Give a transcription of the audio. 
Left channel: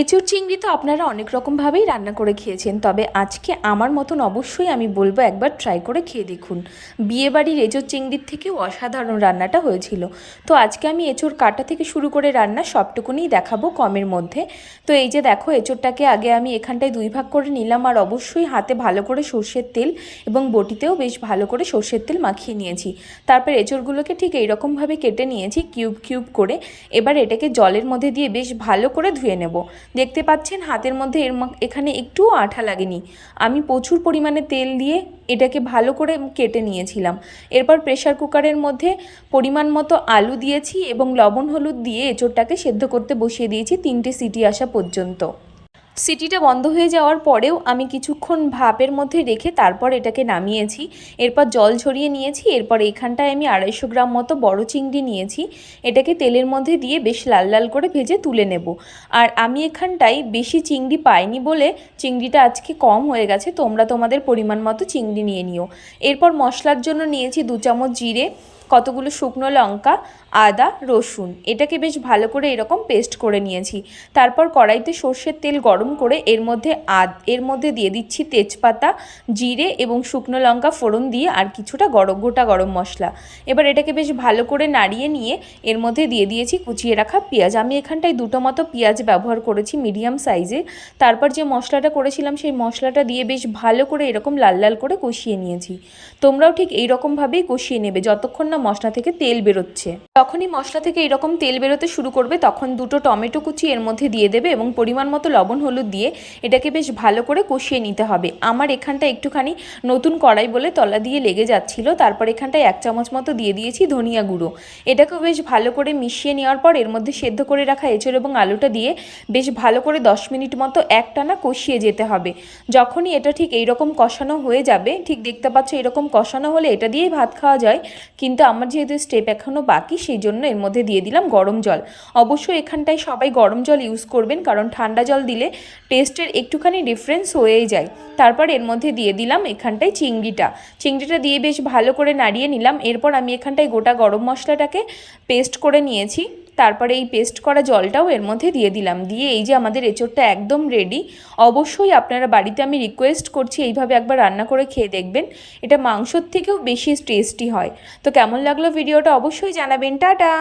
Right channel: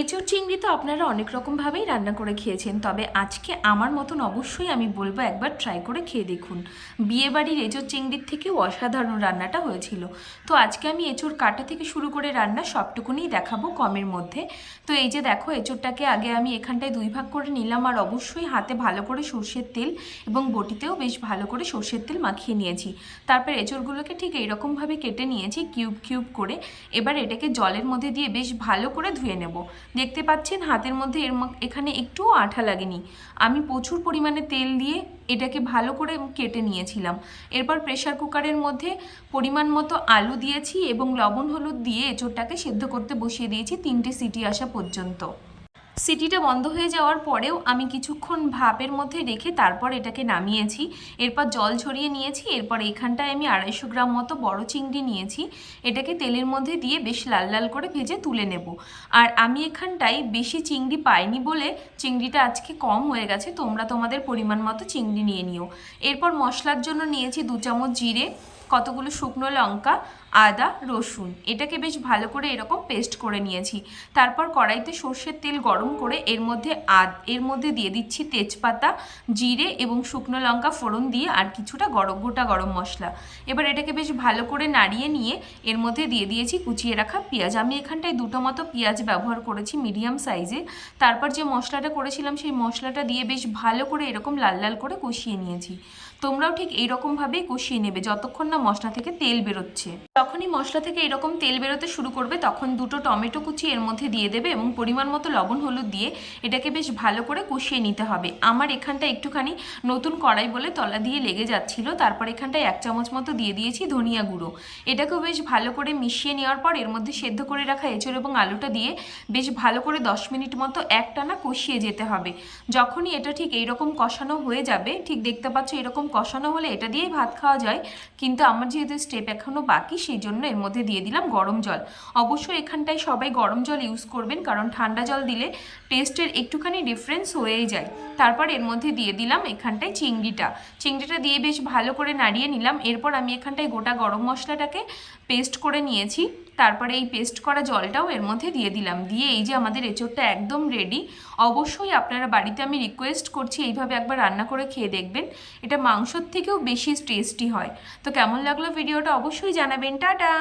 এঁচোড় চিংড়ি তো আপনারা অনেক রকমভাবেই রান্না করে খেয়েছেন, তবে আজকে আমার মতন অবশ্যই আমি বলবো একবার ট্রাই করে খেয়ে দেখুন। বিয়েবাড়ির এঁচোড় চিংড়ির থেকেও অসাধারণ রান্নাটা হয়েছিল। তো আজকে আমি এঁচোড় কাটা থেকে শুরু করে রান্না সবটুকুনিই দেখাবো কমের মধ্যে। তো এই যে দেখো, এঁচোড়টাকে আগে আমি এখানটায় 2 ভাগ করে নিলাম, আর অবশ্যই হাতে ভালো করে সর্ষের তেল এবং বটিতেও বেশ ভালো করে সর্ষের তেল মাখিয়ে নিয়েছি। তারপর এঁচোড়গুলোকে ঠিক এইরকমভাবে কেটে নিয়েছি কিউব কিউব করে। এবার এটাকে জলের মধ্যে দিয়ে বেশ ভালো করে ধুয়ে নেব। দেখতে পাচ্ছেন হাতের মধ্যে এখানে একটুও আঠা লাগেনি। আমি প্রচুর পরিমাণে তেল দিয়ে এটাকে ভালো করে কেটে নিয়েছিলাম। এরপর প্রেসার কুকারের মধ্যে পরিমাণ মতো আলু দিয়েছি এবং লবণ হলুদ দিয়ে এঁচোড়টাকে সেদ্ধ করতে বসিয়ে দিয়েছি 3টে সিটি আসা পর্যন্ত। সিটিটা বন্ধ হয়ে যাওয়ার পরেও আমি কিছুক্ষণ ভাপের মধ্যে রেখে তারপর এটাকে নামিয়েছি। এরপর জল ঝরিয়ে নিয়েছি। এরপর এখানটায় আমি 250 গ্রাম মতো বড় চিংড়ি নিয়েছি। এটাকে তেলের মধ্যে দিয়ে বেশ লাল লাল করে ভেজে তুলে নেব। আর আমি এখানটায় বেশি চিংড়ি পাইনি বলে চিংড়িটা আজকে কম হয়ে গেছে, তোমরা তোমাদের পরিমাণ মতো চিংড়ি নিয়ে নিও। এরপর মশলার জন্য নিয়েছি 2 চামচ জিরে, কতগুলো শুকনো লঙ্কা, আদা, রসুন। এটাকে বেশ ভালো করে এরকম পেস্ট করে নিয়েছি। তারপর কড়াইতে সর্ষের তেল গরম করে এর মধ্যে দিয়ে দিচ্ছি তেজপাতা, জিরে এবং শুকনো লঙ্কা ফোড়ন দিয়ে আর কিছুটা গোটা গরম মশলা। এবার এটাকে বেশ ভালো করে নাড়িয়ে নিয়ে এর মধ্যে দিয়ে দিয়েছি কুচিয়ে রাখা পেঁয়াজ। আমি এখানটায় 2টো মতো পেঁয়াজ ব্যবহার করেছি মিডিয়াম সাইজে। তারপর যে মশলাটা করেছিলাম সেই মশলাটা দিয়ে বেশ ভালো করে এরকম লাল লাল করে কষিয়ে নিয়েছি। তোমরাও ঠিক এই রকমভাবেই কষিয়ে নেবে যতক্ষণ না মশলা থেকে তেল বেরোচ্ছে। যখনই মশলা থেকে এরকম তেল বেরোতে শুরু করবে তখন 2টো টমেটো কুচি এর মধ্যে দিয়ে দেবে এবং পরিমাণ মতো লবণ হলুদ দিয়ে এটাকে বেশ ভালো করে কষিয়ে নিতে হবে। আমার এখানটা একটুখানি নতুন কড়াই বলে তলা দিয়ে লেগে যাচ্ছিল। তারপর এখানটায় 1 চামচ মতো দিয়ে দিয়েছি ধনিয়া গুঁড়ো। এটাকেও বেশ ভালো করে মিশিয়ে নেওয়ার পর এর মধ্যে সেদ্ধ করে রাখা এঁচোড় এবং আলুটা দিয়ে বেশ ভালো করে 10 মিনিট মতো একটানা কষিয়ে যেতে হবে। যখনই এটা ঠিক এইরকম কষানো হয়ে যাবে, ঠিক দেখতে পাচ্ছ এরকম কষানো হলে এটা দিয়েই ভাত খাওয়া যায়, কিন্তু আমার যেহেতু স্টেপ এখনও বাকি সেই জন্য এর মধ্যে দিয়ে দিলাম গরম জল। অবশ্যই এখানটায় সবাই গরম জল ইউজ করবেন, কারণ ঠান্ডা জল দিলে টেস্টের একটুখানি ডিফারেন্স হয়েই যায়। তারপর এর মধ্যে দিয়ে দিলাম এখানটায় চিংড়িটা দিয়ে বেশ ভালো করে নাড়িয়ে নিলাম। এরপর আমি এখানটায় গোটা গরম মশলাটাকে পেস্ট করে নিয়েছি। তারপরে এই পেস্ট করা জলটাও এর মধ্যে দিয়ে দিলাম। দিয়ে এই যে আমাদের এঁচোড়টা একদম রেডি। অবশ্যই আপনারা বাড়িতে আমি রিকোয়েস্ট করছি এইভাবে একবার রান্না করে খেয়ে দেখবেন। এটা মাংসর থেকেও বেশি টেস্টি হয়। তো কেমন লাগলো ভিডিওটা অবশ্যই জানাবেন। টাটা।